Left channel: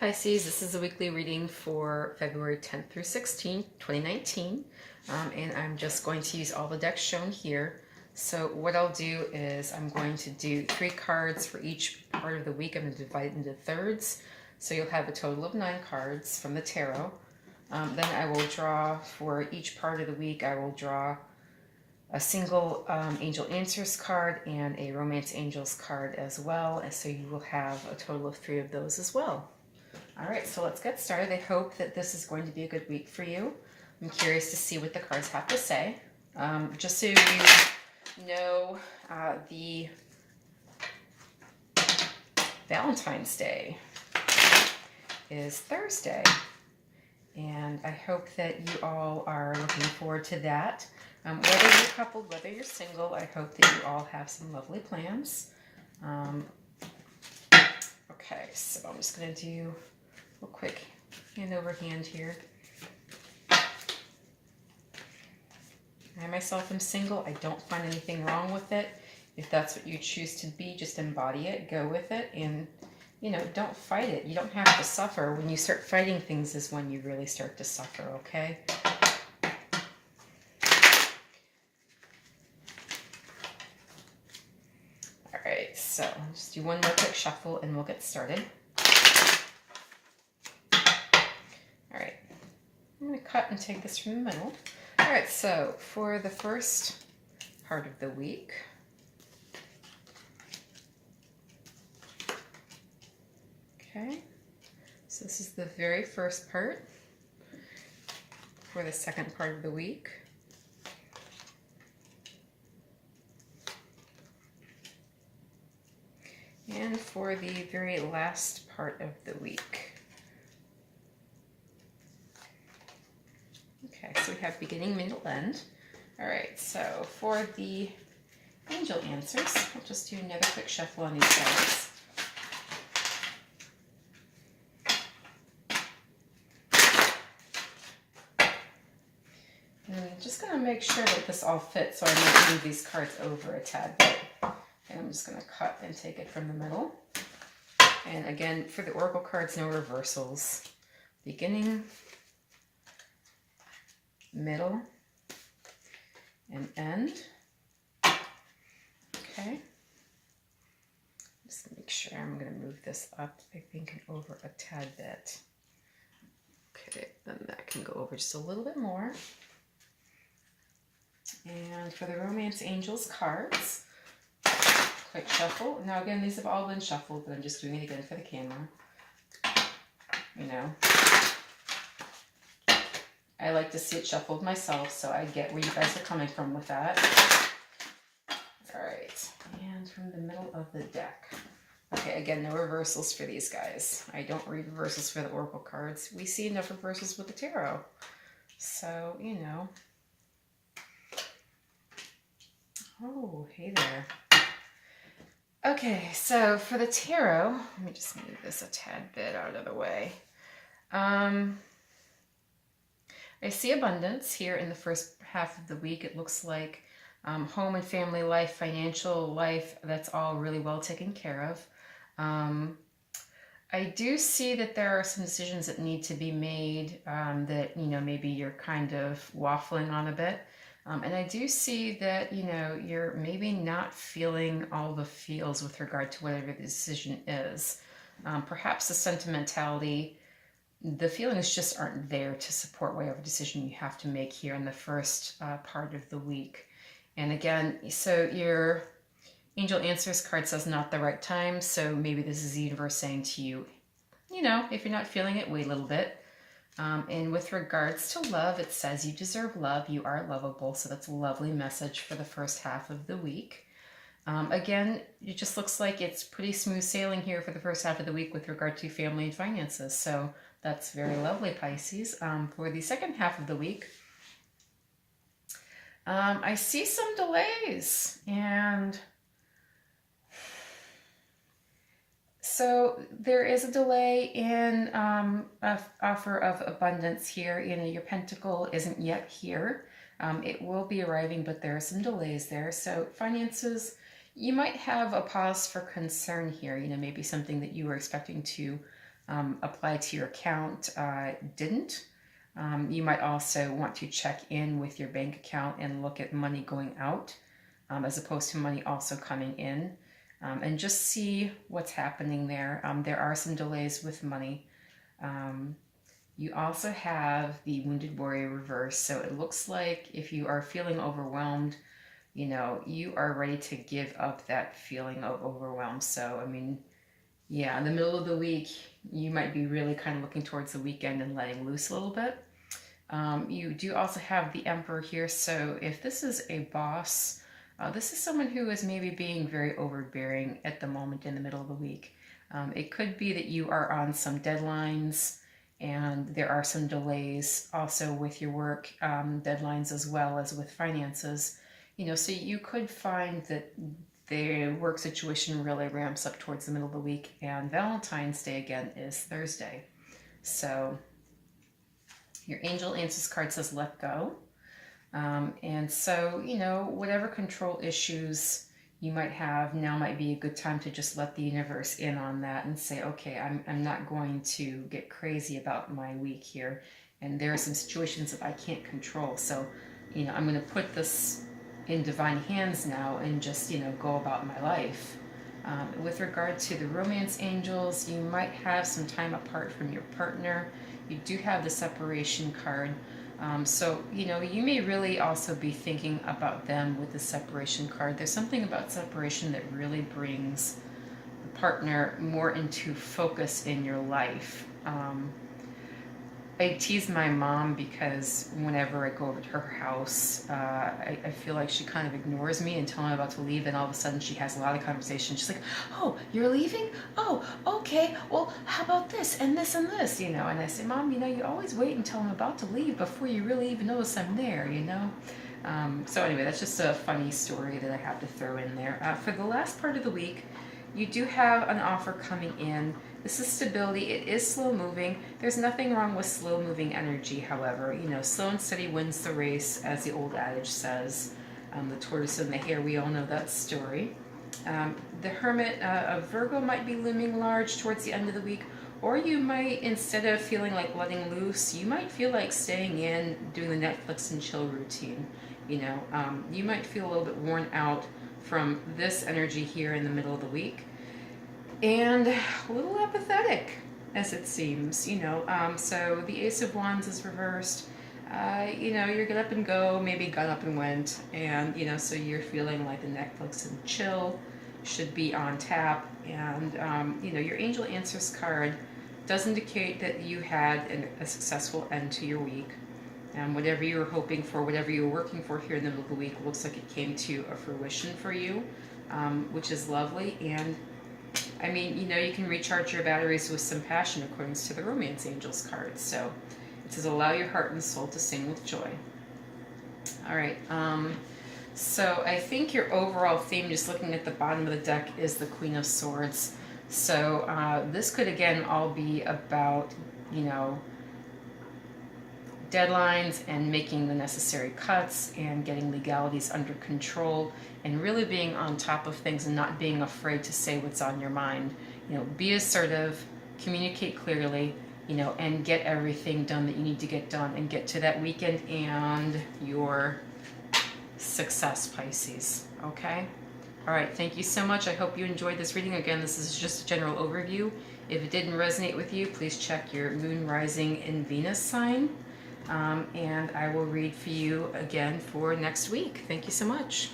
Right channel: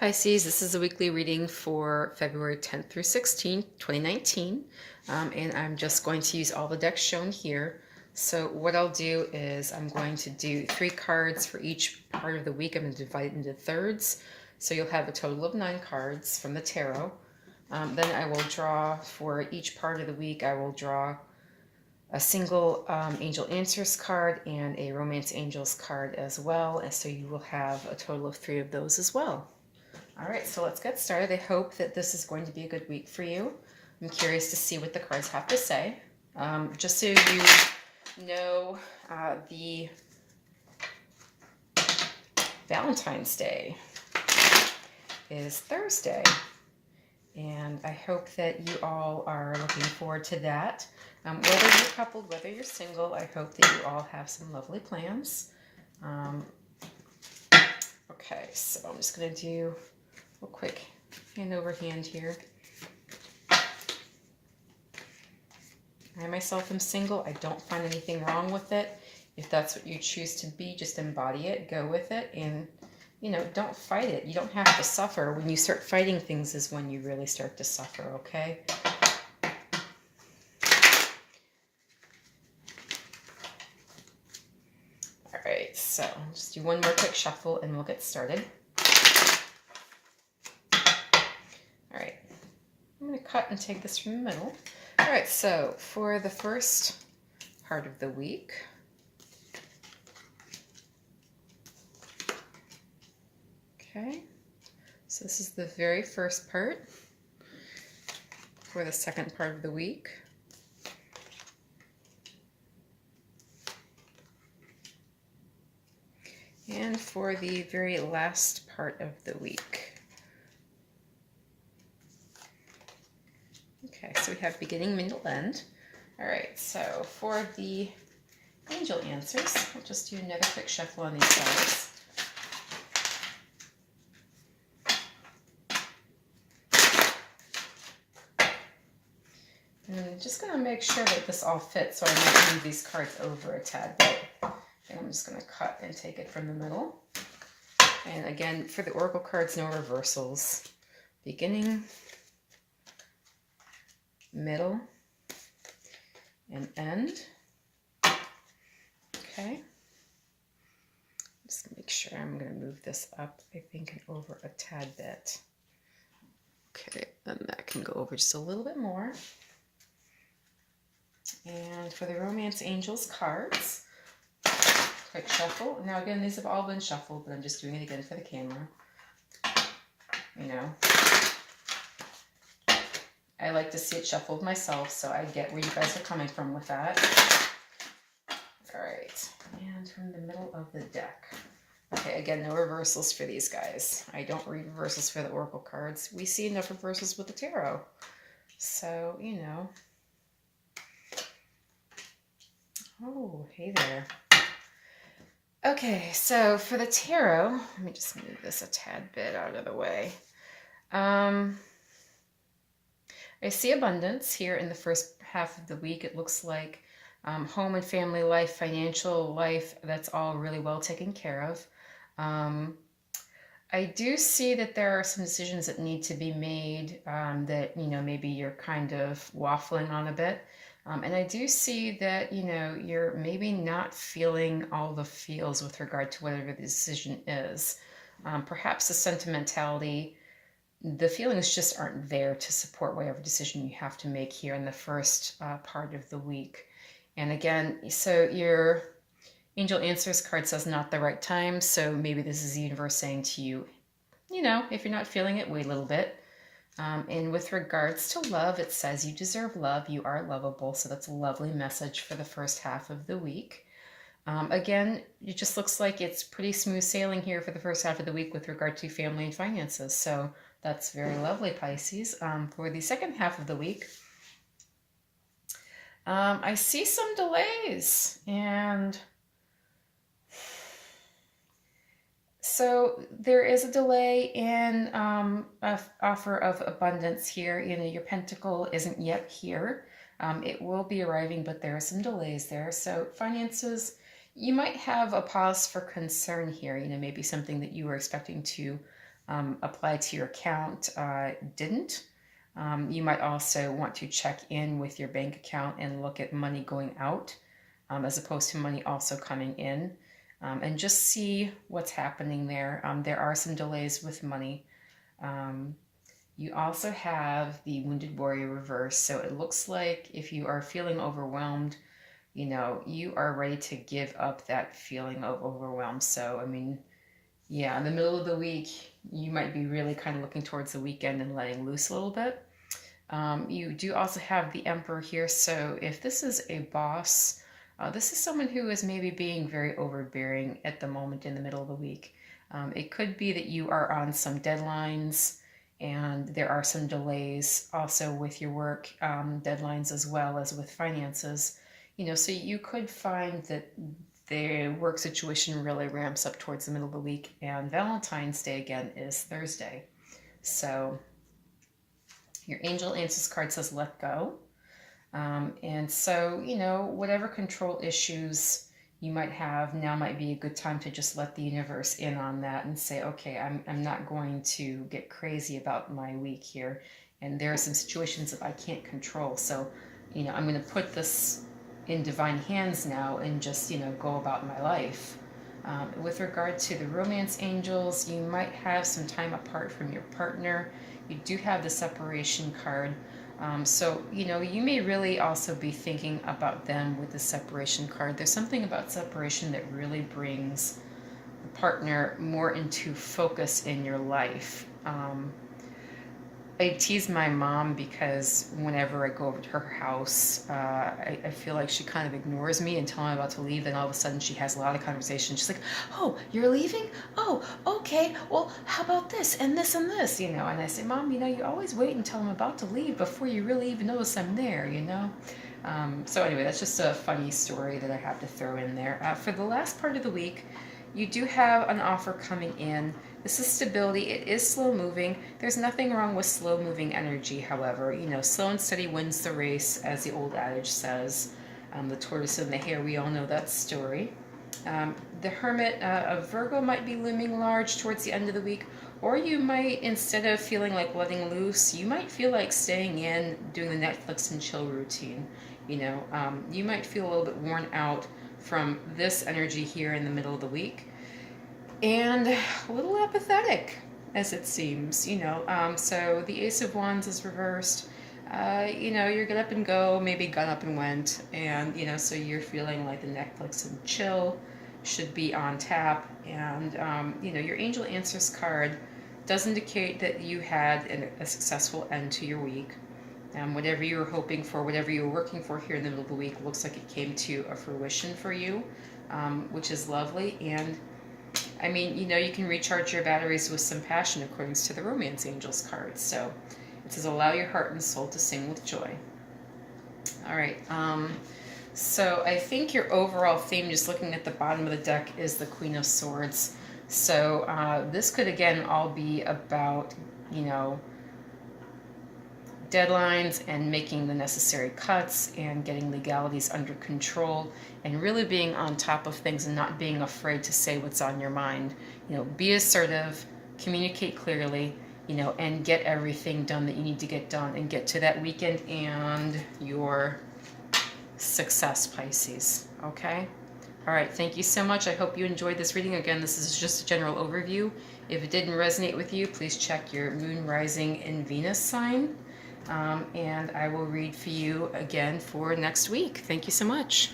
Pisces, this is a weekly reading for February 10th through 16th, 2019. And I'm just going to use all the decks shown here. So what I'll do is I'm going to do 3 cards for each part of the week. I'm going to divide it into thirds. So you'll have a total of 9 cards from the tarot. Then I will draw for each part of the week, I will draw a single Angel Answers card and a Romance Angels card as well. And so you will have a total of 3 of those as well. All right, so let's get started. I hope that this is going to be a good week for you. I'm curious to see what the cards have to say. Just so you know, the Valentine's Day is Thursday, and I hope that you all are looking forward to that. Whether you're coupled, whether you're single, I hope that you all have some lovely plans. Okay, so I'm just going to do a quick hand over hand here. I myself am single. I don't find anything wrong with it. If that's what you choose to be, just embody it, go with it, and, you know, don't fight it. You don't have to suffer. When you start fighting things is when you really start to suffer, okay? All right, so I'll just do one more quick shuffle and we'll get started. I'm going to cut and take this from the middle. All right, so for the first part of the week, okay, so this is the very first part. For the second part of the week, and for the very last part of the week. Okay, so we have beginning, middle, end. All right, so for the Angel Answers, I'll just do another quick shuffle on these cards. And I'm just going to make sure that this all fits, so I might move these cards over a tad bit. And I'm just going to cut and take it from the middle. And again, for the Oracle cards, no reversals. Beginning, middle, and end. Okay. Just make sure I'm going to move this up, I think, and over a tad bit. Okay, then that can go over just a little bit more. And for the Romance Angels cards, quick shuffle. Now again, these have all been shuffled, but I'm just doing it again for the camera. You know, I like to see it shuffled myself, so I get where you guys are coming from with that. All right, and from the middle of the deck. Okay, again, no reversals for these guys. I don't read reversals for the Oracle cards. We see enough reversals with the tarot. So, you know. Oh, hey there. Okay, so for the tarot, let me just move this a tad bit out of the way. I see abundance here in the first half of the week. It looks like home and family life, financial life, that's all really well taken care of. I do see that there are some decisions that need to be made that, you know, maybe you're kind of waffling on a bit. And I do see that, you know, you're maybe not feeling all the feels with regard to whatever the decision is. Perhaps the sentimentality, the feelings just aren't there to support whatever decision you have to make here in the first part of the week. And again, so your Angel Answers card says not the right time. So maybe this is the universe saying to you, you know, if you're not feeling it, wait a little bit. And with regards to love, it says you deserve love. You are lovable. So that's a lovely message for the first half of the week. Again, it just looks like it's pretty smooth sailing here for the first half of the week with regard to family and finances. So that's very lovely, Pisces. For the second half of the week, I see some delays, and so there is a delay in an offer of abundance here. You know, your pentacle isn't yet here. It will be arriving, but there are some delays there. So finances, you might have a pause for concern here. You know, maybe something that you were expecting to apply to your account didn't. You might also want to check in with your bank account and look at money going out as opposed to money also coming in, and just see what's happening there. There are some delays with money. You also have the Wounded Warrior reverse, so it looks like if you are feeling overwhelmed, you are ready to give up that feeling of overwhelm. So, I mean, yeah, in the middle of the week, you might be really kind of looking towards the weekend and letting loose a little bit. You do also have the Emperor here, so if this is a boss, this is someone who is maybe being very overbearing at the moment in the middle of the week. It could be that you are on some deadlines and there are some delays also with your work deadlines as well as with finances. So you could find that the work situation really ramps up towards the middle of the week, and Valentine's Day again is Thursday. So your Angel Answers card says let go. And so, whatever control issues you might have, now might be a good time to just let the universe in on that and say, okay, I'm not going to get crazy about my week here. And there are some situations that I can't control. So, I'm going to put this in divine hands now and just, go about my life. With regard to the romance angels, you might have some time apart from your partner. You do have the separation card. So, you may really also be thinking about them with the separation card. There's something about separation that really brings the partner more into focus in your life. I tease my mom because whenever I go over to her house, I feel like she kind of ignores me until I'm about to leave. Then all of a sudden she has a lot of conversation. She's like, oh, you're leaving? Oh, okay. Well, how about this and this and this, And I say, Mom, you always wait until I'm about to leave before you really even notice I'm there, So anyway, that's just a funny story that I have to throw in there. For the last part of the week, you do have an offer coming in. This is stability. It is slow moving. There's nothing wrong with slow moving energy, however. Slow and steady wins the race, as the old adage says. The tortoise and the hare, we all know that story. The Hermit of Virgo might be looming large towards the end of the week, or you might, instead of feeling like letting loose, you might feel like staying in, doing the Netflix and chill routine. You might feel a little bit worn out from this energy here in the middle of the week, and a little apathetic, as it seems. So the Ace of Wands is reversed. You're get up and go, maybe got up and went, and so you're feeling like the Netflix and chill should be on tap. And your Angel Answers card does indicate that you had a successful end to your week. Whatever you were hoping for, whatever you were working for here in the middle of the week, looks like it came to a fruition for you, which is lovely. And I mean, you can recharge your batteries with some passion according to the Romance Angels card. So it says, allow your heart and soul to sing with joy. All right. So I think your overall theme, just looking at the bottom of the deck, is the Queen of Swords. So this could, again, all be about, deadlines and making the necessary cuts and getting legalities under control and really being on top of things and not being afraid to say what's on your mind. Be assertive, communicate clearly, and get everything done that you need to get done and get to that weekend and your success, Pisces. Okay? All right, thank you so much. I hope you enjoyed this reading. Again, this is just a general overview. If it didn't resonate with you, please check your moon, rising, and Venus sign. And I will read for you again for next week. Thank you so much.